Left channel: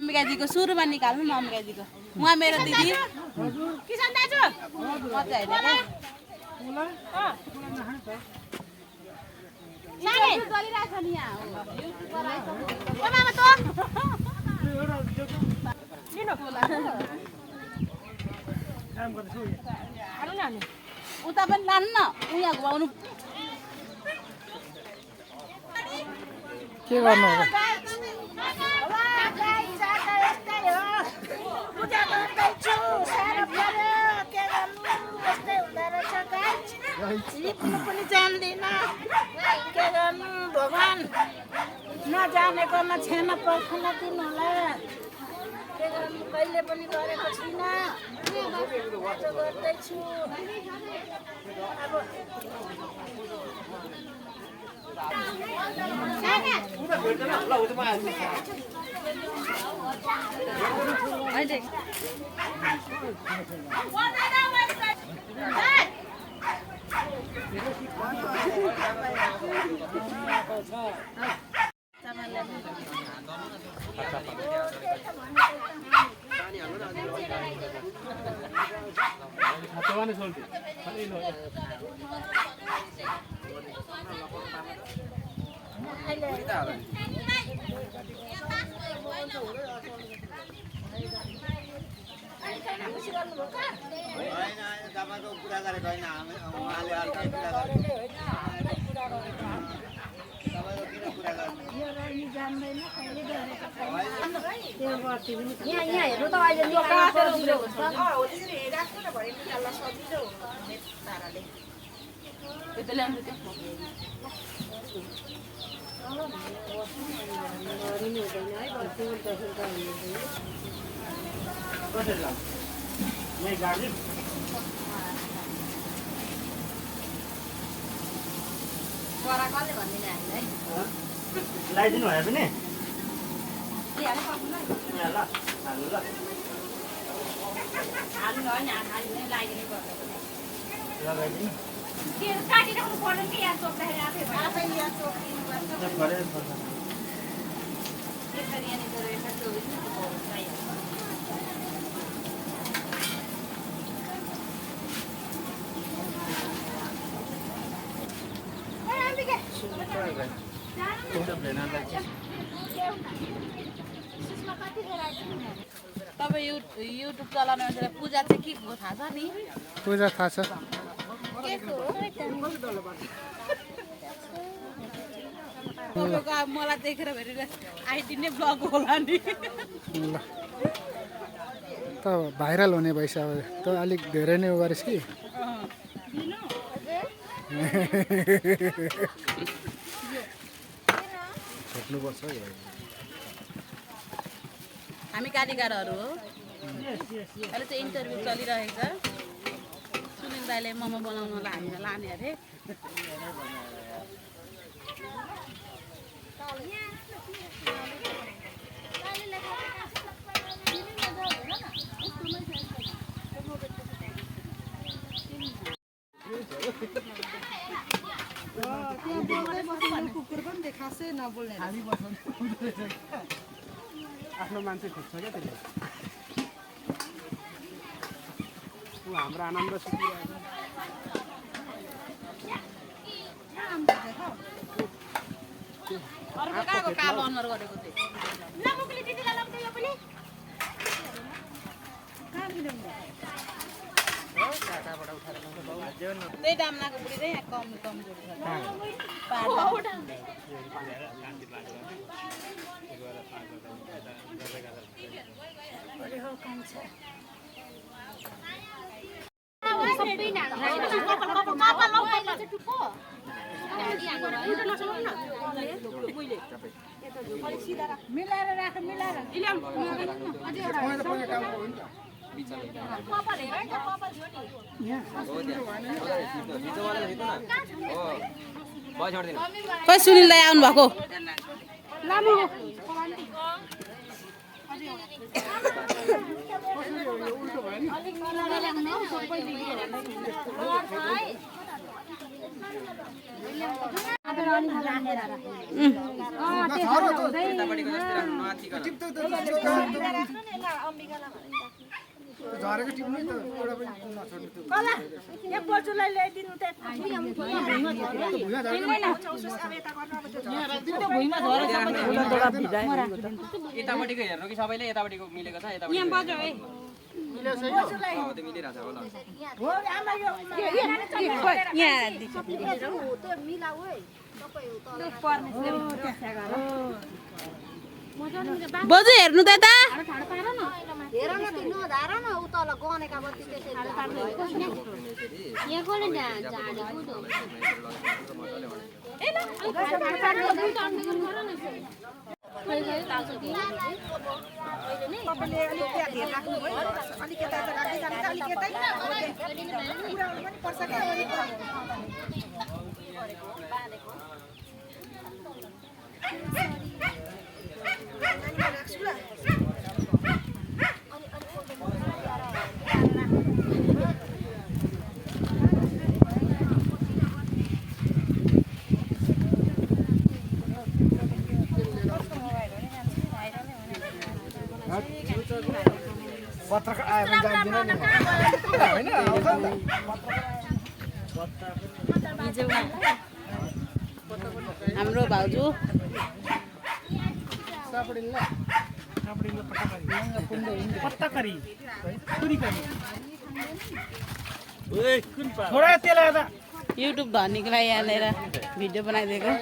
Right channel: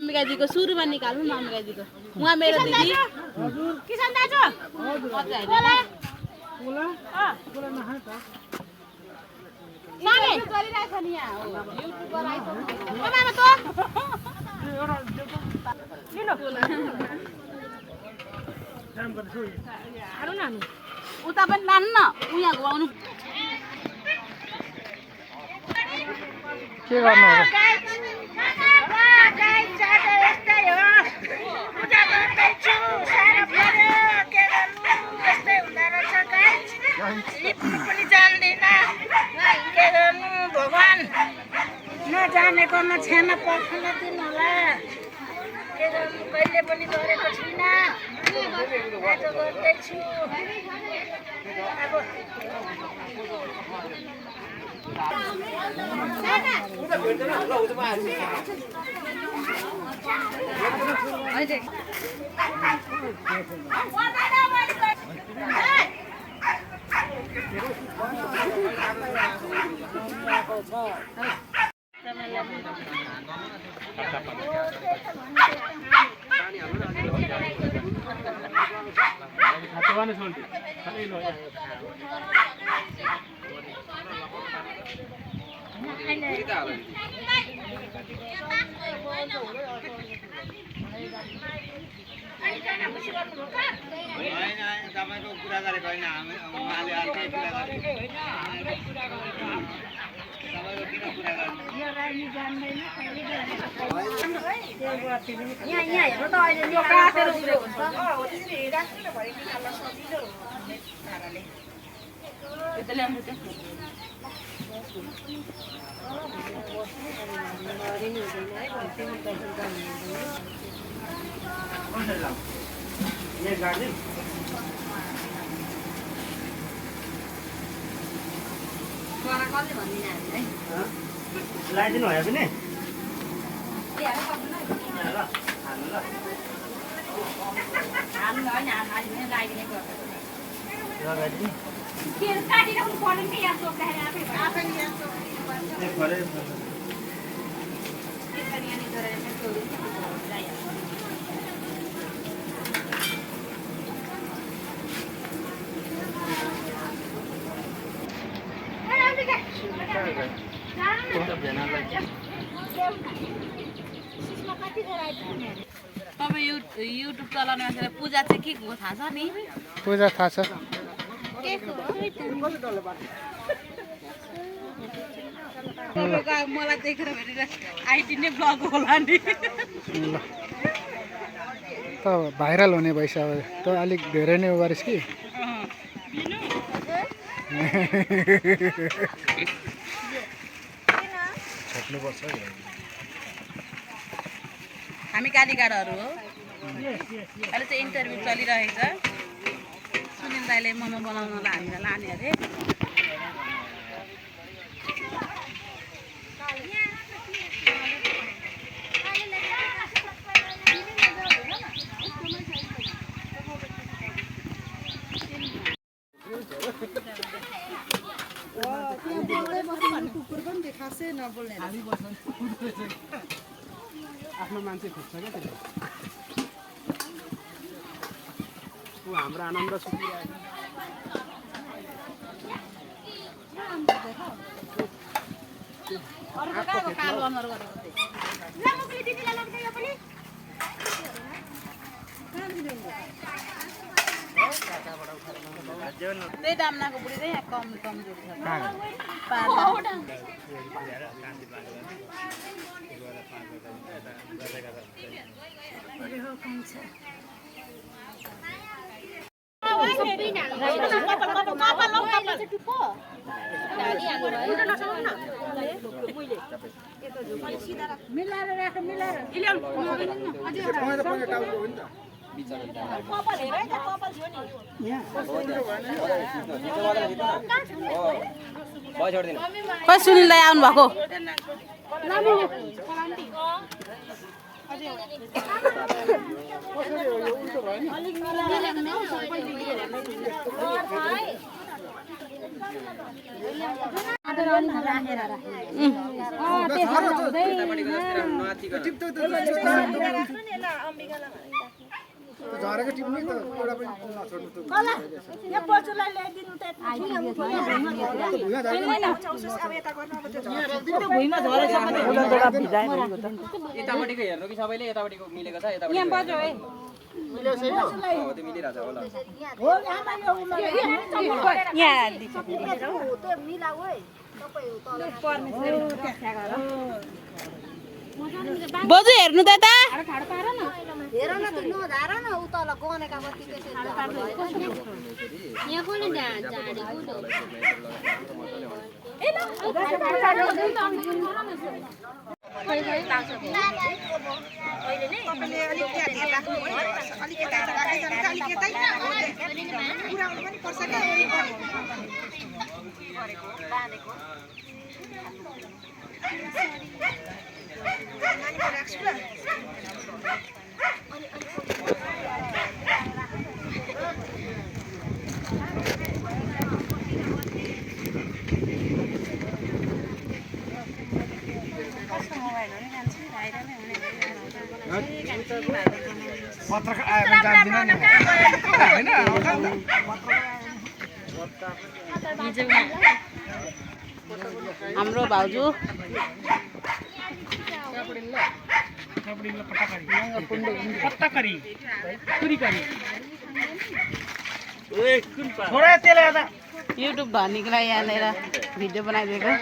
अम्बिका को सुरुमा निकाल्नु न अम्बिका को उहाँ मेरो दिदी किसान दाजु नानी गरिरहेछ नि यहाँ युट्युबर आइसक्यो ओ मामा त लिनु काम गर्छु हारु न हामी उता पनि लानु न उहाँ घुमाउनु के गर्नु हो लिप्नु पनि जान्दैन के गर्नु भगवान नजानेकोमा छेना पर्खन दिनु होला के गर्नु कहिले पनि गरेको छुइनँ आज गर्दैछु अब तपाईको कुरा गरेको हैन उहाँले अर्कै कुरा गरे तपाईको किन कुरा गर्नु यो रानी जान्दैन कहिले यहाँ यहाँ हेर्नु त अहिले यो काटेर उब्रेको छ हो त्यसरी हिँडाक्नु न भयो निकाल्न सजिलो ताराले त्यो त ल्याउनु त कसरी लाउ यहाँ गाडी लगाइदिनु भयो पनि काटिराख्नु पर्दैन कि यहाँ सोच्दाखेरि आफै तपाईँ युट्युब चलाउने मान्छेलाई पूजा चाहिँ के हो थाहा छ नि पूजा थाहा छ मलाई देखेर भेटेर आइडी नै ब्लग होला नि त भाइरल हुने भइसक्यो अब त अलिक धेरै नै गरिस् कि छोड्नुपर्छ हामी कालीगाडहरू हो अहिले चाहिँ इन्टरभ्यू चलिरहेछ सुनिल दाइले मोमो बनाउनलाई हामीलाई लाने अरे कुकुर पनि देखासे नबोल्ने आफ्नो मान्छे खोज्छ क्या त्यसले ऊ हाम्रो आनन्द सुतिरहेको अर्को कहाँको कालो अनुहार गरेको त्यही दामनाको बुढी चाहिँ यहाँ कमजोर मिलाएर राख मिलाएर खै सुनिल दाइ आउनु भएको झरेको टिप्ने त एउटा पनि नछोड्नु त यहाँ पोचुलाई ल्याइदिनु त भुइँमा झरेछ भने यतापट्टिको हेर्नु कि सबैले यतापट्टिको मिलेको छ यतापट्टि यहाँ बज्यो है हो त्यो मिलिरहेछ होला हो यहाँ त्यो मिलाऊ है तपाईँ बोजू हेर्नु त यता हेर न त्यो नधार न उ तल गनेका बत्ती पत्रकार आयो भने जान्दिन नि हैन हाम्रो भाउजू युट्युब धनीको लागि यहाँनिर भिडियो बनाइदिएको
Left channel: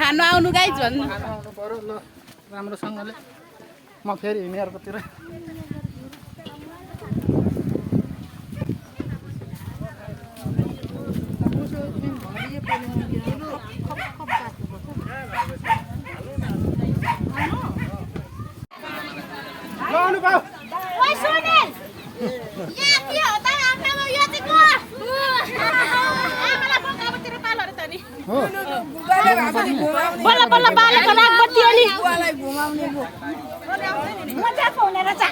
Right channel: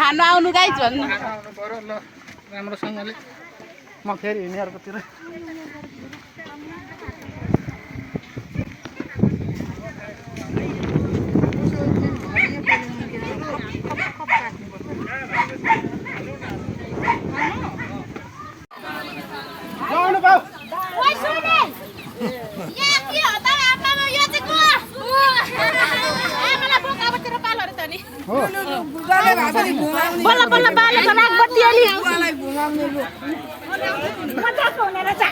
खानु आउनु गाइज भन्नु आउनु पर्यो ल राम्रोसँगले म फेरि यिनीहरुकोतिर जानु पाऊ ओइ सुने यहाँ के हो त आमामा यो चाहिँ को आमालाई बोकाबतिर पालहरु त नि हो बल्ल बल्ल बालेको राख बत्ती अलि मजाको हुने रहेछ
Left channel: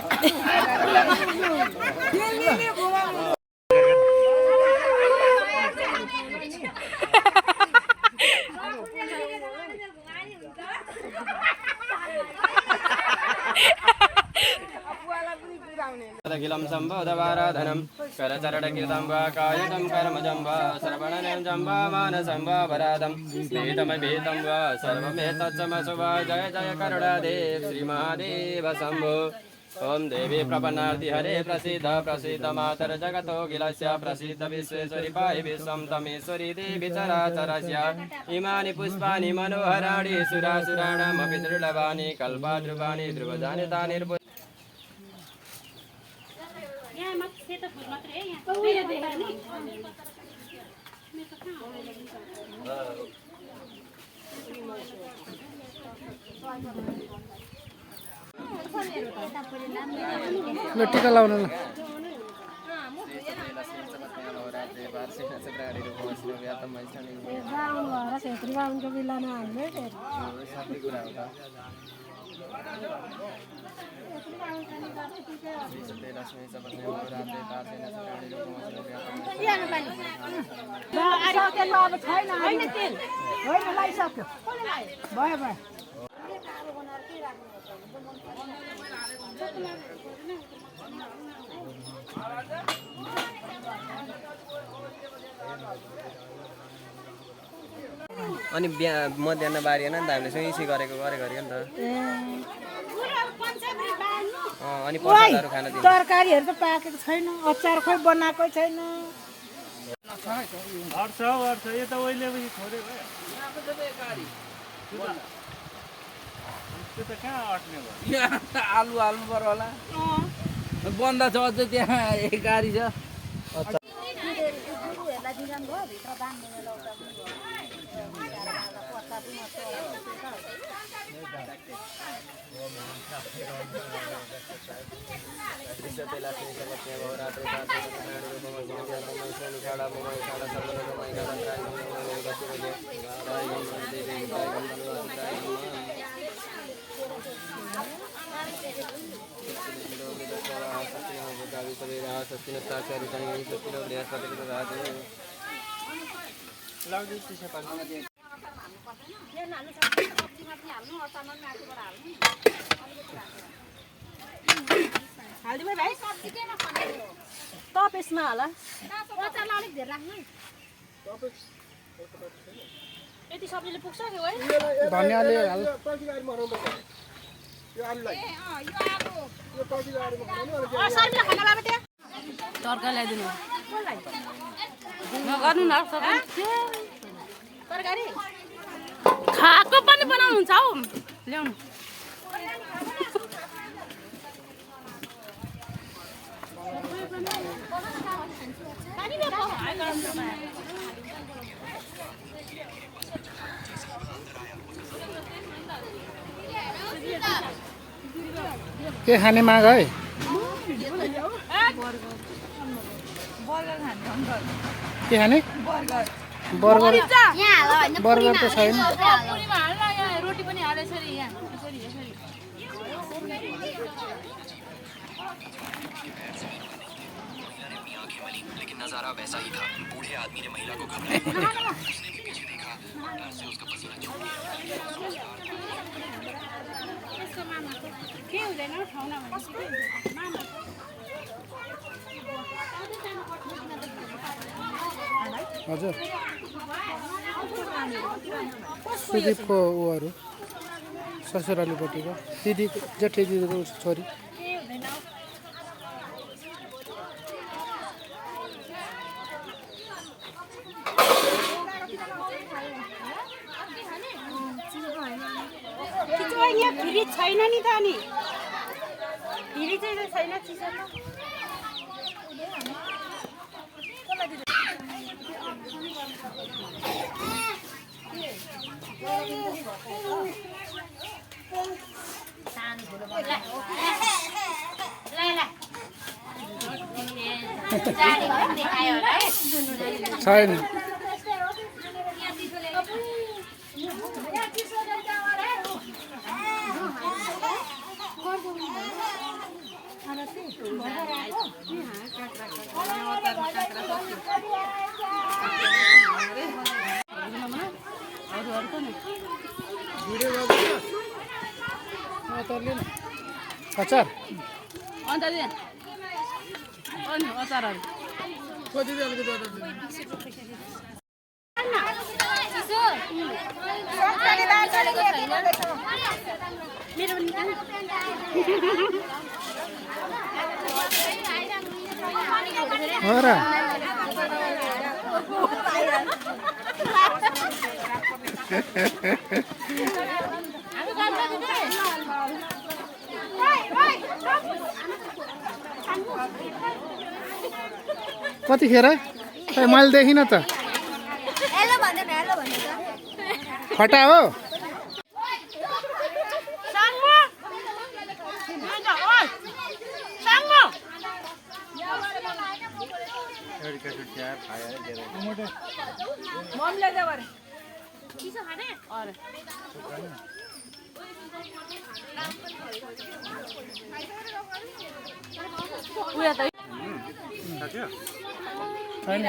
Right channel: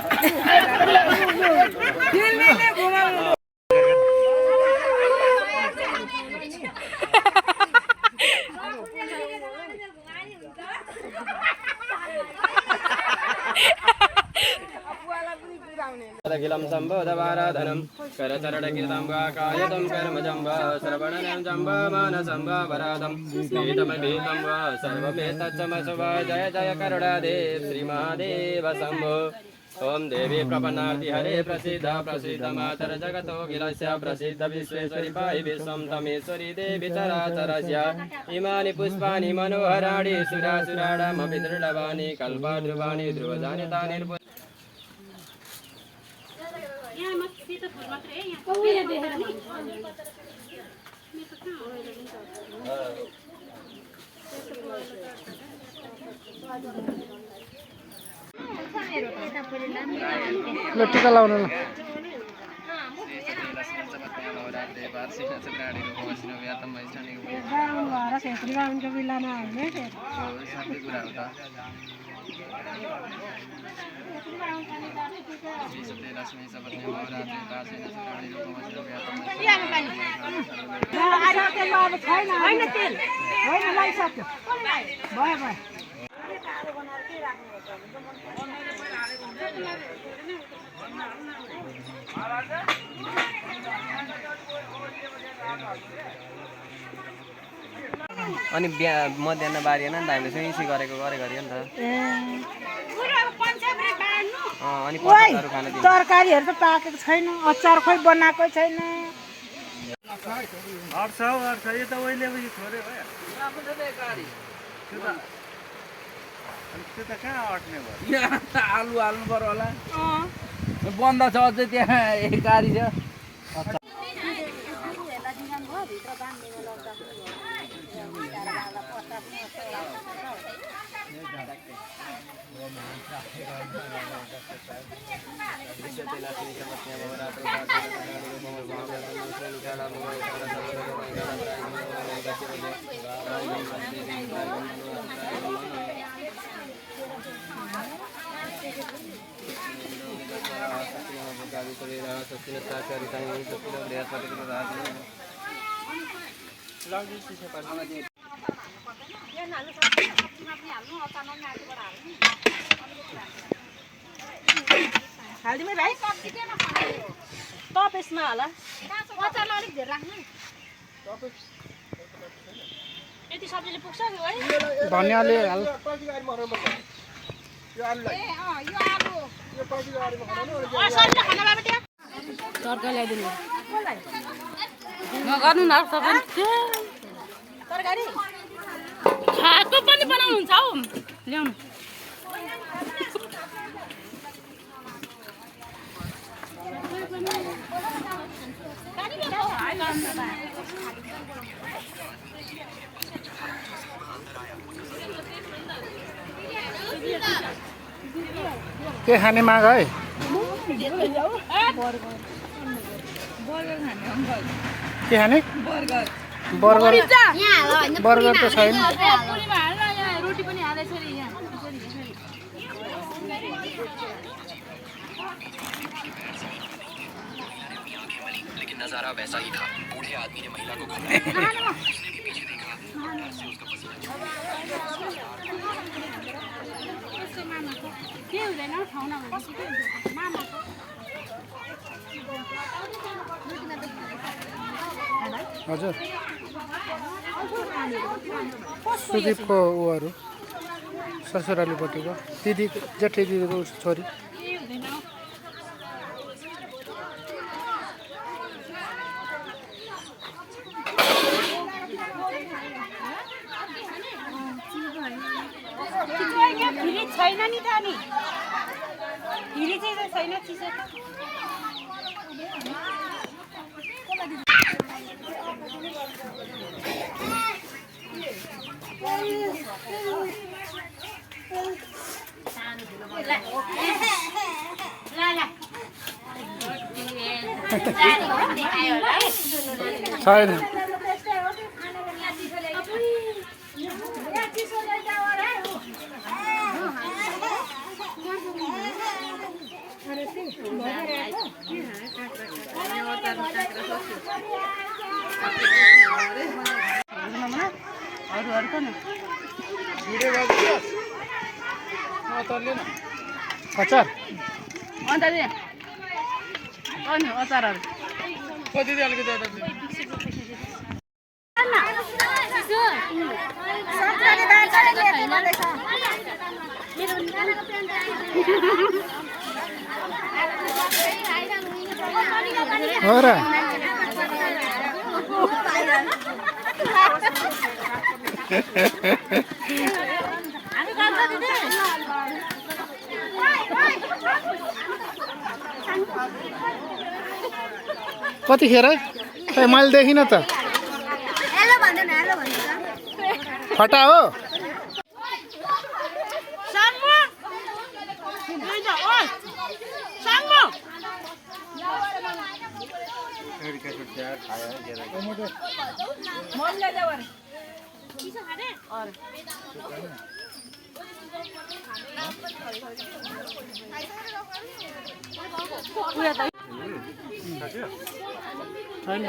अखिलं सम्बोधवाराधनं करचरणकीर्तं वा कायतं कर्मजं वा श्रवणनं जं वा मानसं वा वरादं वेदमवेदं वा सर्वमेतच्चमसु वा जय जय करुणादेव श्रीमहादेव शम्भो ओम देवी प्रपन्नाति हरे प्रसीद प्रसीद मातर जगतो गिलस्य प्रसीद विश्वेश्वरी पाहि विश्वं तमेश्वरी देवी चराचरस्य इमानि पुष्पाणि मनोहराणि सुरासुराणामपि दुर्लभानि कल्पाद्रुवाणि ध्रुवजानि तानि ल टिका लाउन ल अनि मध्याह बारिएन नि त हामीले सुइसी गरेको गरे गऱ्यो नि त अनि पचासहरू खान दिनु तरकारीहरू त पाकेको छैन अचार खोइ बनाएको छैन आलु हाल्नु पर्यो होला बन्द छ अझै त्यहाँ एक गाडी छ हालिदिउँ भाइ तपेसमा होला अचारलाई अलिक धेर राख्नु यति सब्जीले पुग्छ है धनियाँले हाल यो आलु तर्का ल्याइदिनु नगर्नु न तरकारी खाएको पनि बनाउनुहुन्छ हौ ल्याउनु के खाने माग है के खाने बर्गर बर्गर त छैन रोटी पनि हालेछ नि यहाँ लेकिन नजारा वैसा ही था। बूढ़े आदमी ने महिला को घबराया, उसने भी पीछे देखा, डर से उसका पसीना छूट के हुँदैन ठाउँमा भनेपछि के हुन्छ मामाको हजुर सुदीपको उहरू ससुरालीपट्टिको दिदी जेठी दिदीको छोरी छैन नि त नि हिरी चाहिँ छैन चिसो छैन अचार अन्त अनि अचारहरू हो र कतिखेर खै मैले देखिनँ त फटा हो छैन